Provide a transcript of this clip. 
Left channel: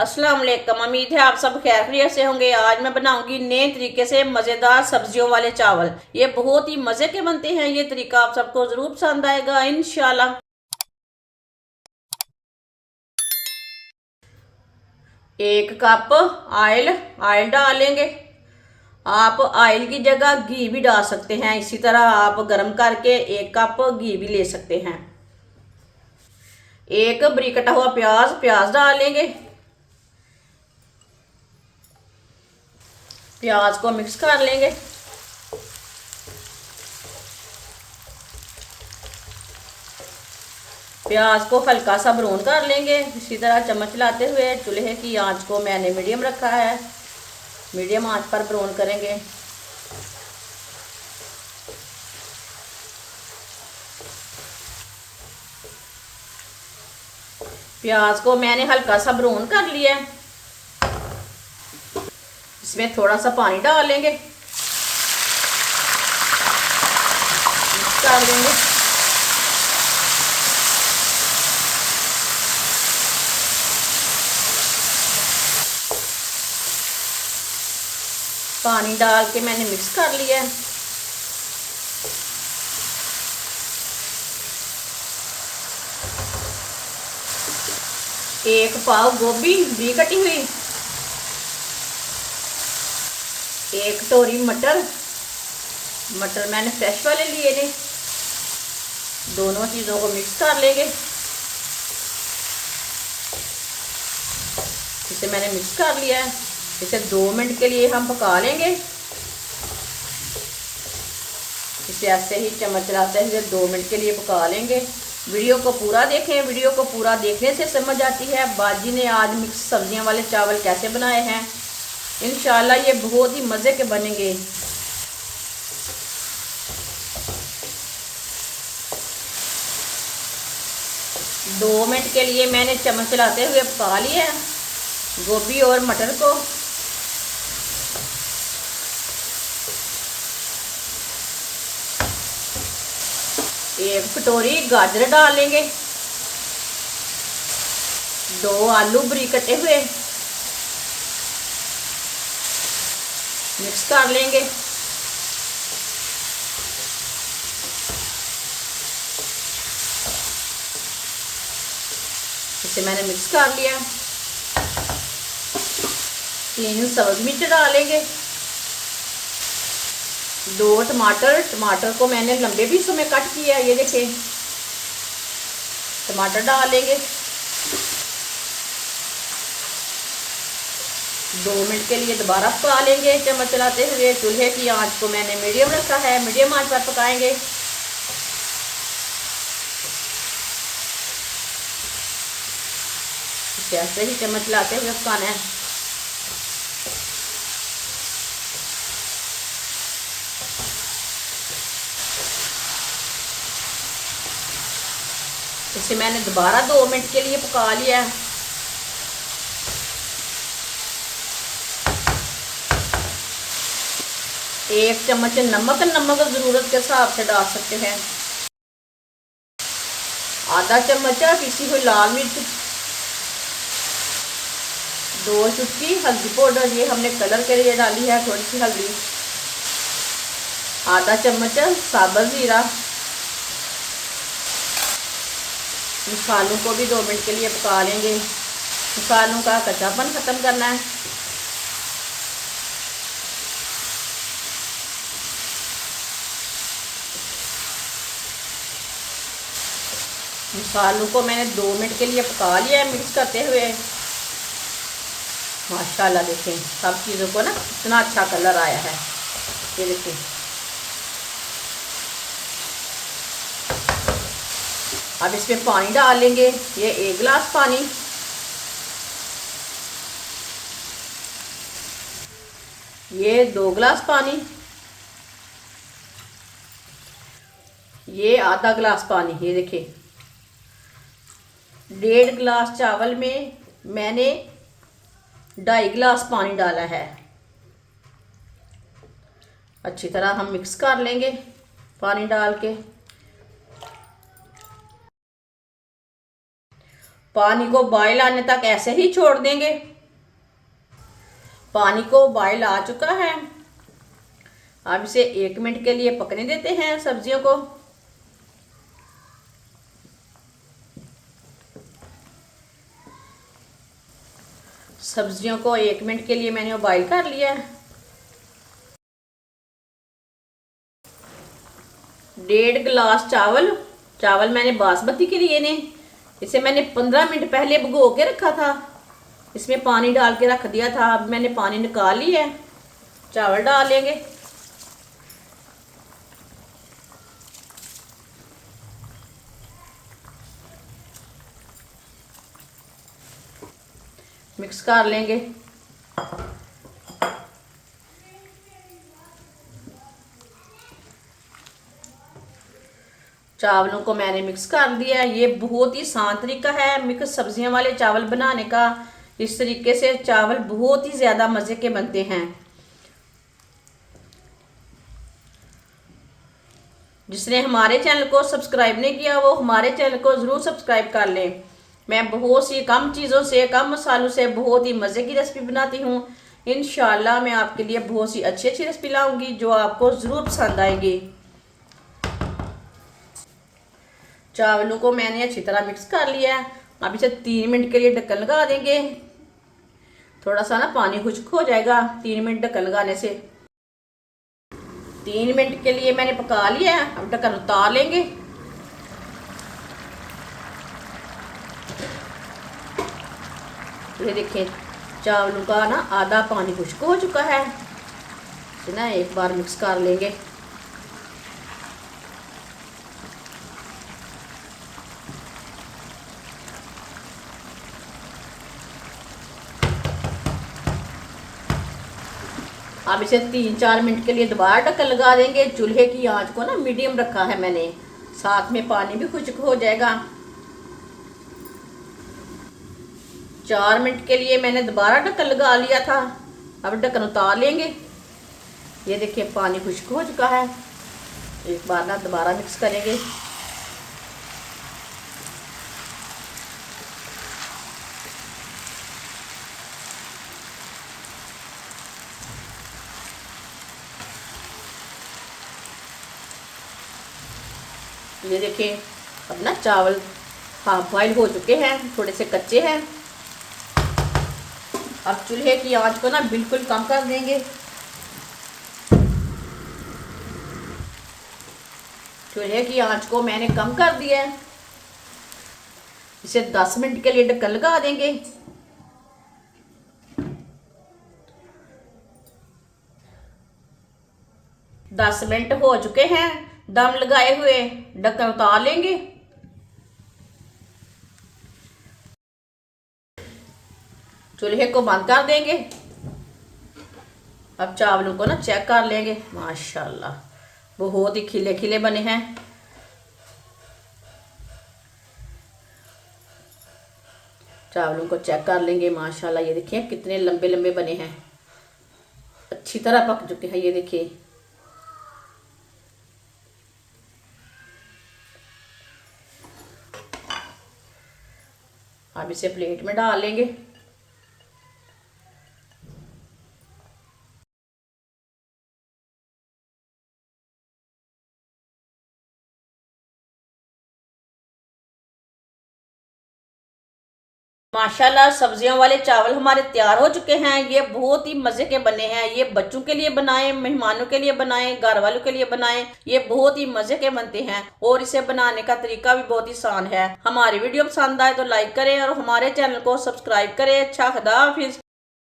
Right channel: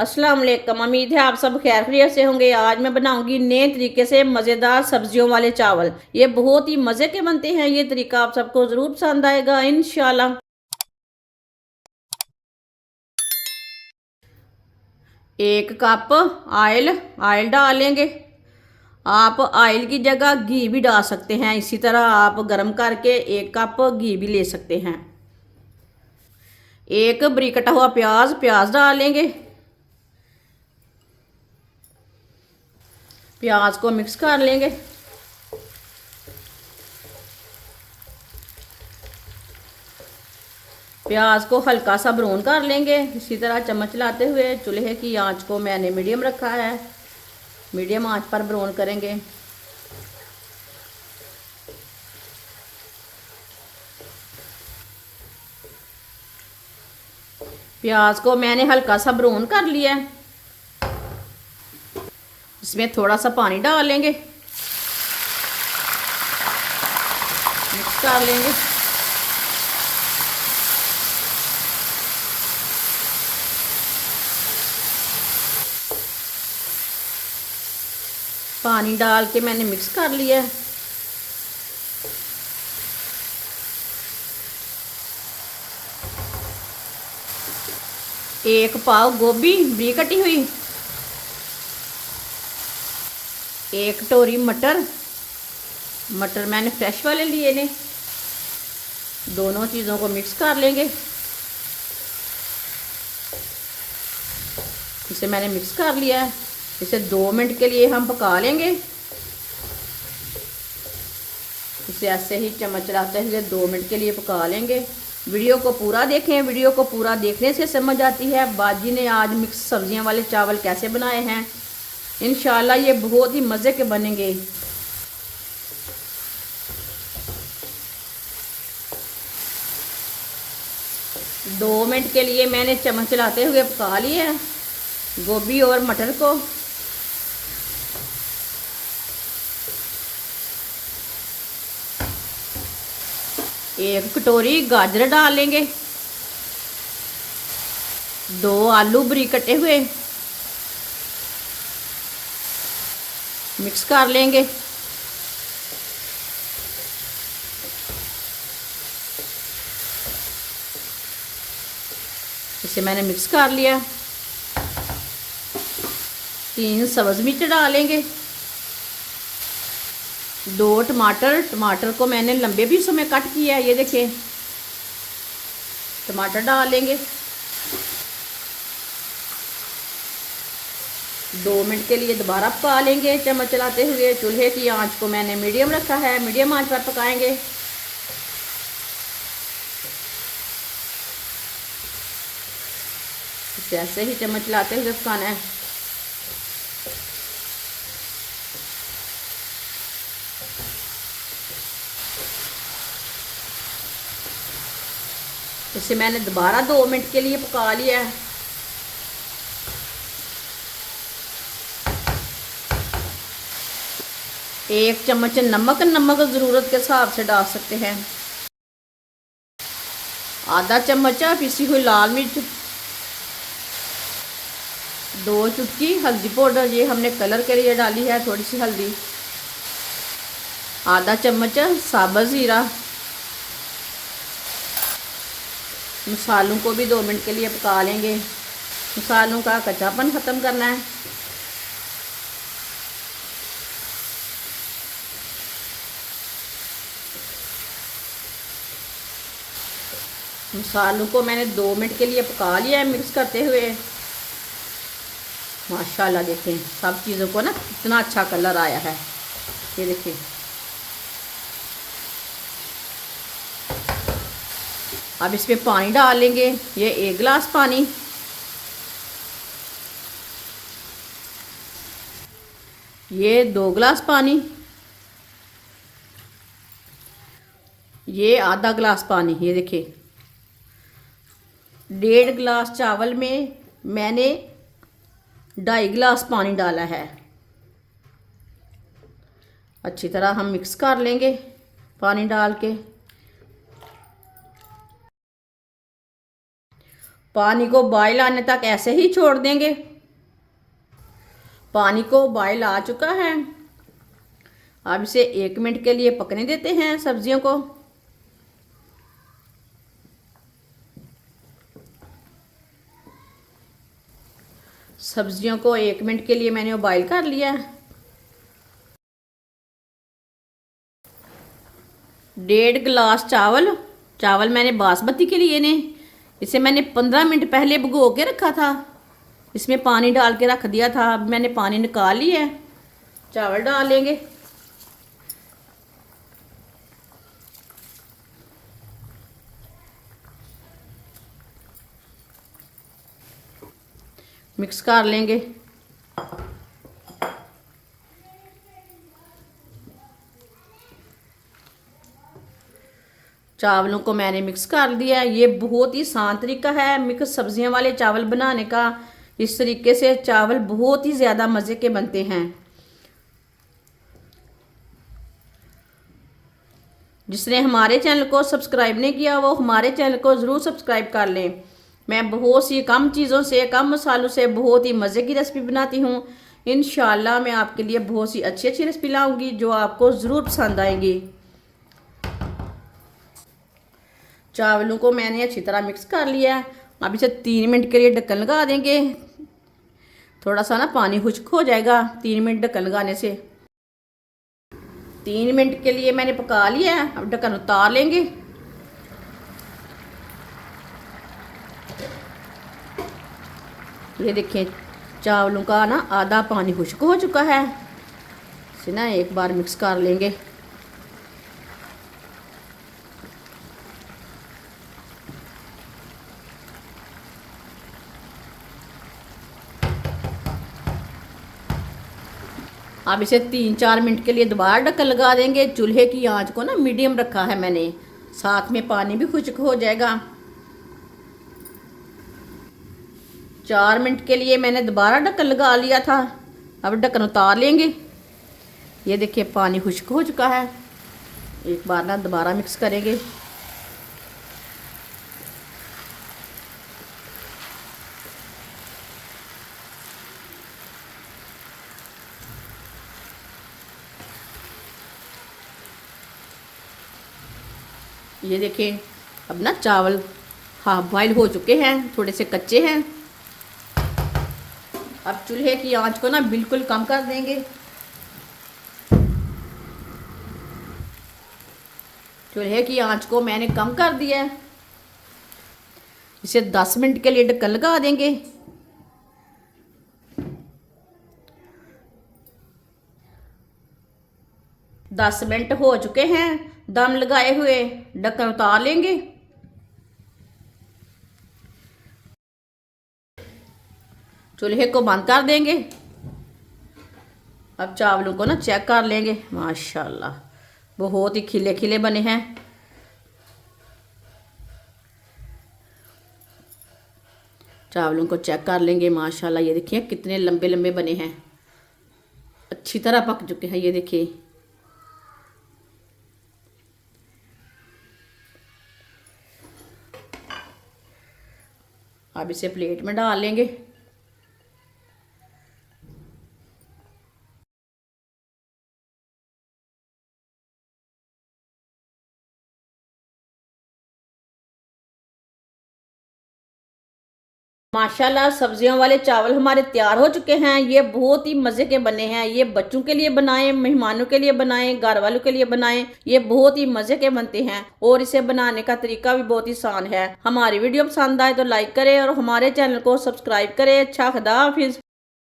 अस्सलाम वालेकुम। उम्मीद है आप सब खैरियत से होंगे। आज मैं बनाऊंगी नए तरीके से मज़ेदार सब्जियों वाले चावल। ये बहुत ही मज़े के बनते हैं। ये तरीका आप सबको ज़रूर पसंद आएगा इंशाल्लाह। एक कप ऑयल ऑयल डालेंगे। आप ऑयल की जगह घी भी डाल सकते हैं। इसी तरह आप गर्म करके एक कप घी भी ले सकते हैं। एक बरीक कटा हुआ प्याज प्याज डालेंगे। प्याज को मिक्स कर लेंगे। प्याज को हल्का सा ब्राउन कर लेंगे। इसी तरह चम्मच लाते हुए चूल्हे की आंच को मैंने मीडियम रखा है। मीडियम आंच पर ब्राउन करेंगे। प्याज को मैंने हल्का सा ब्राउन कर लिया है। इसमें थोड़ा सा पानी डालेंगे, मिक्स कर देंगे। पानी डाल के मैंने मिक्स कर लिया है। एक पाव गोभी बरीक कटी हुई, एक कटोरी मटर मटर मैंने फ्रेश वाले लिए ने। दोनों चीज़ों को मिक्स कर लेंगे। इसे मैंने मिक्स कर लिया है। इसे 2 मिनट के लिए हम पका लेंगे। इसे ऐसे ही चम्मच चलाते हुए 2 मिनट के लिए पका लेंगे। वीडियो को पूरा देखें। वीडियो को पूरा देखने से समझ आती है बाजी ने आज मिक्स सब्जियां वाले चावल कैसे बनाए हैं। इंशाल्लाह ये बहुत ही मज़े के बनेंगे। दो मिनट के लिए मैंने चम्मच चलाते हुए पका लिया गोभी और मटर को। एक कटोरी गाजर डालेंगे। 2 आलू बरीक कटे हुए मिक्स कर लेंगे। इसे मैंने मिक्स कर लिया। 3 सब्ज मिर्च डालेंगे। 2 टमाटर टमाटर को मैंने लंबे पीसों में कट किया है। ये देखिए टमाटर डालेंगे। 2 मिनट के लिए दोबारा पका लेंगे चम्मच चलाते हुए। चूल्हे की आंच को मैंने मीडियम रखा है। मीडियम आंच पर पकाएंगे। ऐसे ही चम्मच चलाते हुए पकाना है। इसे मैंने दोबारा 2 मिनट के लिए पका लिया है। एक चम्मच नमक नमक ज़रूरत के हिसाब से डाल सकते हैं। आधा चम्मच पिसी हुई लाल मिर्च। 2 चुटकी हल्दी पाउडर, ये हमने कलर के लिए डाली है थोड़ी सी हल्दी। आधा चम्मच साबुत ज़ीरा। मसालों को भी 2 मिनट के लिए पका लेंगे। मसालों का कच्चापन ख़त्म करना है। मसालों को मैंने 2 मिनट के लिए पका लिया है मिक्स करते हुए। माशाल्लाह देखें सब चीज़ों को ना कितना अच्छा कलर आया है। ये देखिए अब इसमें पानी डालेंगे। ये 1 गिलास पानी। ये 2 गिलास पानी। ये आधा गिलास पानी। ये देखिए 1.5 गिलास चावल में मैंने 2.5 गिलास पानी डाला है। अच्छी तरह हम मिक्स कर लेंगे पानी डाल के। पानी को बॉयल आने तक ऐसे ही छोड़ देंगे। पानी को बॉयल आ चुका है। अब इसे 1 मिनट के लिए पकने देते हैं सब्जियों को। सब्जियों को 1 मिनट के लिए मैंने बॉईल कर लिया है। 1.5 गिलास चावल चावल मैंने बासमती के लिए ने इसे मैंने 15 मिनट पहले भिगो के रखा था। इसमें पानी डाल के रख दिया था। अब मैंने पानी निकाल लिया है। चावल डालेंगे। मिक्स कर लेंगे। चावलों को मैंने मिक्स कर दिया। ये बहुत ही आसान तरीका है मिक्स सब्जियों वाले चावल बनाने का। इस तरीके से चावल बहुत ही ज़्यादा मज़े के बनते हैं। जिसने हमारे चैनल को सब्सक्राइब नहीं किया वो हमारे चैनल को ज़रूर सब्सक्राइब कर लें। मैं बहुत सी कम चीज़ों से, कम मसालों से बहुत ही मज़े की रेसिपी बनाती हूँ। इंशाल्लाह मैं आपके लिए बहुत सी अच्छी अच्छी रेसिपी लाऊंगी जो आपको ज़रूर पसंद आएगी। चावलों को मैंने अच्छी तरह मिक्स कर लिया है। अब इसे 3 मिनट के लिए ढक्कन लगा देंगे। थोड़ा सा ना पानी खुश्क हो जाएगा 3 मिनट ढक्कन लगाने से। 3 मिनट के लिए मैंने पका लिया है। अब ढक्कन उतार लेंगे। ये देखिए चावलों का ना आधा पानी खुश्क हो चुका है। इसे ना एक बार मिक्स कर लेंगे। अब इसे 3-4 मिनट के लिए दोबारा ढक्कन लगा देंगे। चूल्हे की आंच को ना मीडियम रखा है मैंने। साथ में पानी भी खुश्क हो जाएगा। 4 मिनट के लिए मैंने दोबारा ढक्कन लगा लिया था। अब ढक्कन उतार लेंगे। ये देखिए पानी खुश्क हो चुका है। एक बार ना दोबारा मिक्स करेंगे। ये देखिए अब ना चावल हाफ बॉयल हो चुके हैं, थोड़े से कच्चे हैं। अब चूल्हे की आंच को ना बिल्कुल कम कर देंगे। चूल्हे की आंच को मैंने कम कर दिया है। इसे 10 मिनट के लिए ढक्कन लगा देंगे। 10 मिनट हो चुके हैं दम लगाए हुए। ढक्कन उतार लेंगे। चूल्हे को बंद कर देंगे। अब चावलों को ना चेक कर लेंगे। माशाल्लाह बहुत ही खिले खिले बने हैं। चावलों को चेक कर लेंगे। माशाल्लाह ये देखिए कितने लंबे लंबे बने हैं। अच्छी तरह पक चुके हैं। ये देखिए अब इसे प्लेट में डाल लेंगे। माशाल्लाह सब्जियों वाले चावल हमारे तैयार हो चुके हैं। ये बहुत ही मज़े के बने हैं। ये बच्चों के लिए बनाएं, मेहमानों के लिए बनाएं, घर वालों के लिए बनाएं। ये बहुत ही मज़े के बनते हैं और इसे बनाने का तरीका भी बहुत ही आसान है। हमारी वीडियो पसंद आए तो लाइक करें और हमारे चैनल को सब्सक्राइब करें। अच्छा खुदा हाफिज।